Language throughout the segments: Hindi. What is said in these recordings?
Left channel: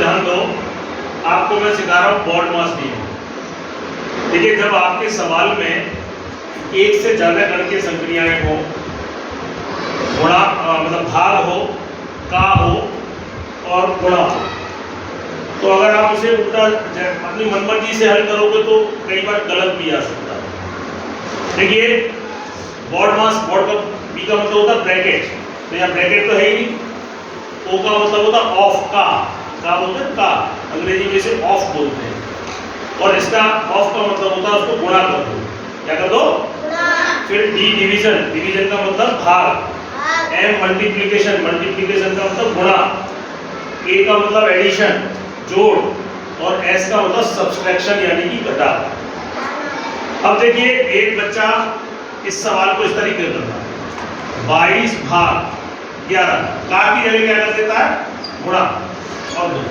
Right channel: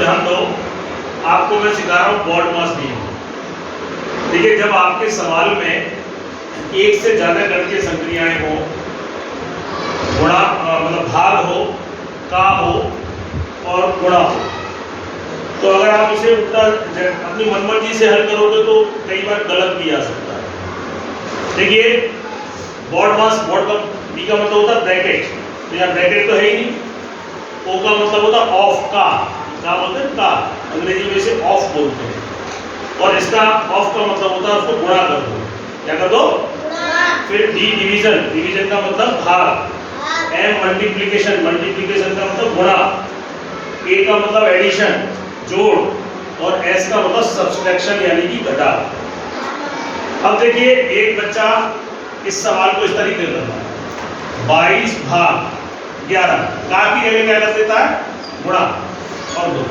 ध्यान दो, आपको मैं सिखा रहा हूँ बॉड मास नियम। देखिए, जब आपके सवाल में एक से ज्यादा गणितीय संक्रियाएं हो, गुणा मतलब भाग हो, का हो और गुणा हो, तो अगर आप इसे उल्टा अपनी मनमर्जी से हल करोगे तो कई बार गलत भी आ सकता है। देखिए, बॉड मास, बॉड का बी का मतलब होता है ब्रैकेट, तो यहाँ ब्रैकेट तो है ही नहीं। ओ का मतलब होता है ऑफ, का बोलते हैं, का अंग्रेजी में इसे ऑफ बोलते हैं। और इसका ऑफ का मतलब होता है उसको गुणा कर दो। क्या कर दो? फिर डी डिवीजन, डिवीजन का मतलब भाग। एम मल्टीप्लिकेशन, मल्टीप्लिकेशन का मतलब गुणा। ए का मतलब एडिशन, जोड़। और एस का मतलब सब्सट्रैक्शन यानी कि घटा। अब देखिए, एक बच्चा इस सवाल को इस तरीके से करता है, 22 भाग 11, का की जगह क्या कर देता है? गुणा और 2।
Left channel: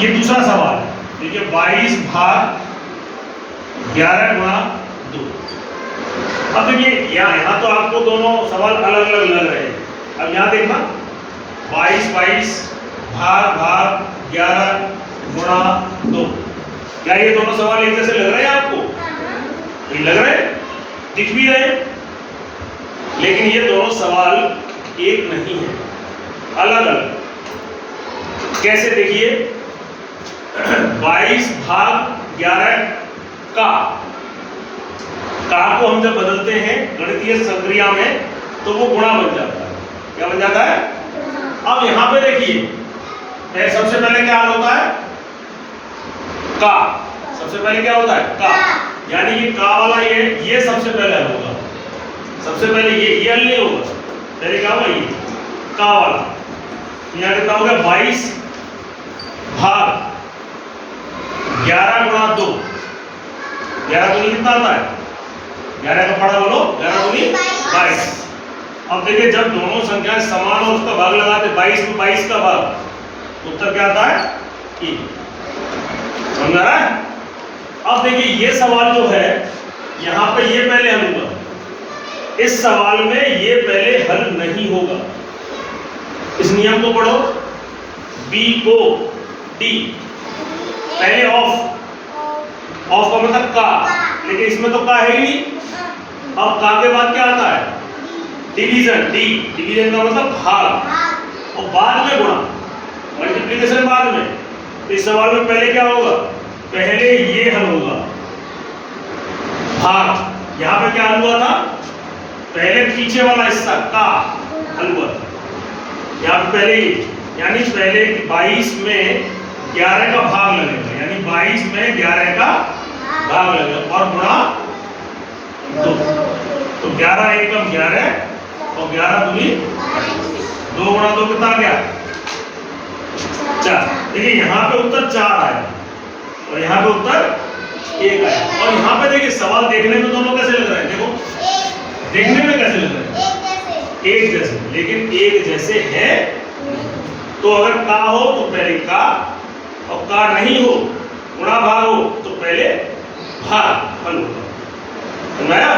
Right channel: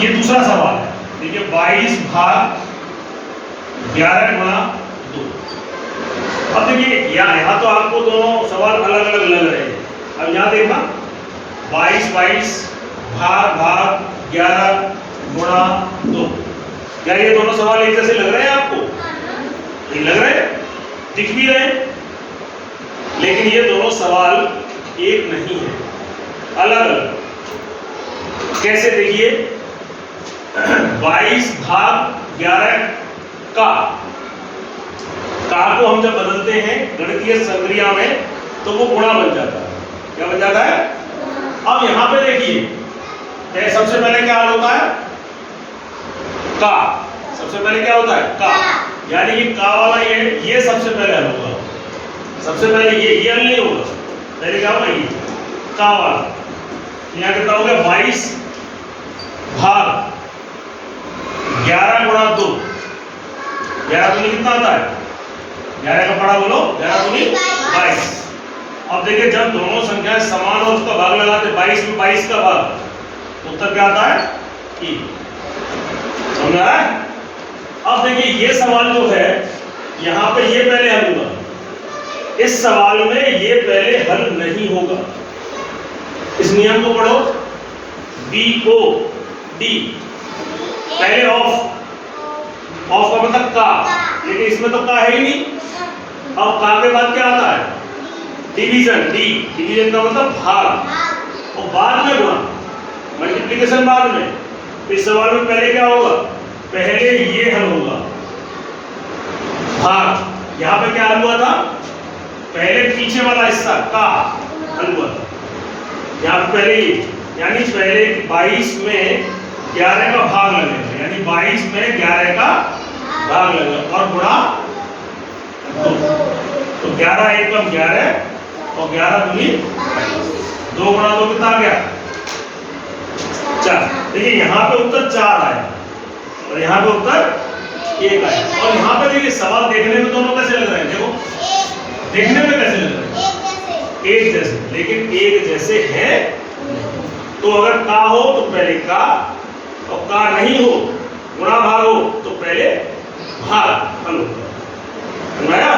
ये दूसरा सवाल है। देखिए, 22 भाग 11 गुणा 2। अब देखिए, यहाँ तो आपको दोनों सवाल अलग अलग लग रहे हैं। अब यहाँ देखना, 22 भाग 11 गुणा 2। क्या ये दोनों सवाल एक जैसे लग रहे हैं आपको? नहीं लग रहे, दिख भी रहे, लेकिन ये दोनों सवाल एक नहीं है, अलग अलग। कैसे? देखिए, 22 भाग 11 का को हम जब बदलते हैं गणितीय संक्रिया में तो वो गुणा बन जाता है। क्या बन जाता है? अब यहां पे देखिए, सबसे पहले क्या हल होता है? का। सबसे पहले क्या होता है? का। यानी कि का वाला ये सबसे पहले हल होगा। सबसे पहले ये हल नहीं होगा, पहले क्या होगा? ये का वाला। यहाँ कितना हो गया? 22 भाग 11 गुणा 2। 11 दूनी कितना आता है? 11 का पढ़ा बोलो, 11 दूनी 22। अब देखिए, जब दोनों संख्याएं समान और उसका भाग लगाते 22 में 22 का भाग, उत्तर क्या आता है? 3। समझ आ रहा है? अब देखिए, ये सवाल जो है यहाँ पे ये पहले हल होगा, इस सवाल में ये पहले हल नहीं होगा। इस नियम को पढ़ो, BOD, पहले ऑफ का मतलब का, लेकिन इसमें तो का है ही नहीं। अब का के बाद क्या आता है? डिवीजन, डिवीजन का मतलब भाग, और बाद में गुणा, मल्टीप्लिकेशन बाद में। तो इस सवाल में पहले क्या होगा? पहले ये हल होगा, भाग। यहाँ पे क्या हल हुआ था? पहले पीछे वाला हिस्सा का हल हुआ था। यहाँ पे पहले, यानी पहले 22 में 11 का भाग लगेगा, यानी 22 में 11 का भाग लगेगा और गुणा 2। तो 11 एकम 11 और 11 दूनी 2 गुणा 2 कितना आ गया? 4। देखिए, यहाँ पे उत्तर 4 आया और यहाँ पे उत्तर 1 आया। और यहाँ पे देखिए, सवाल देखने में दोनों कैसे लग रहे हैं? देखो, देखने में कैसे लग रहे हैं? एक जैसे, लेकिन एक जैसे है। तो अगर का हो तो पहले का, और का नहीं हो, गुणा भाग हो तो पहले भाग हल होगा। समझ आया?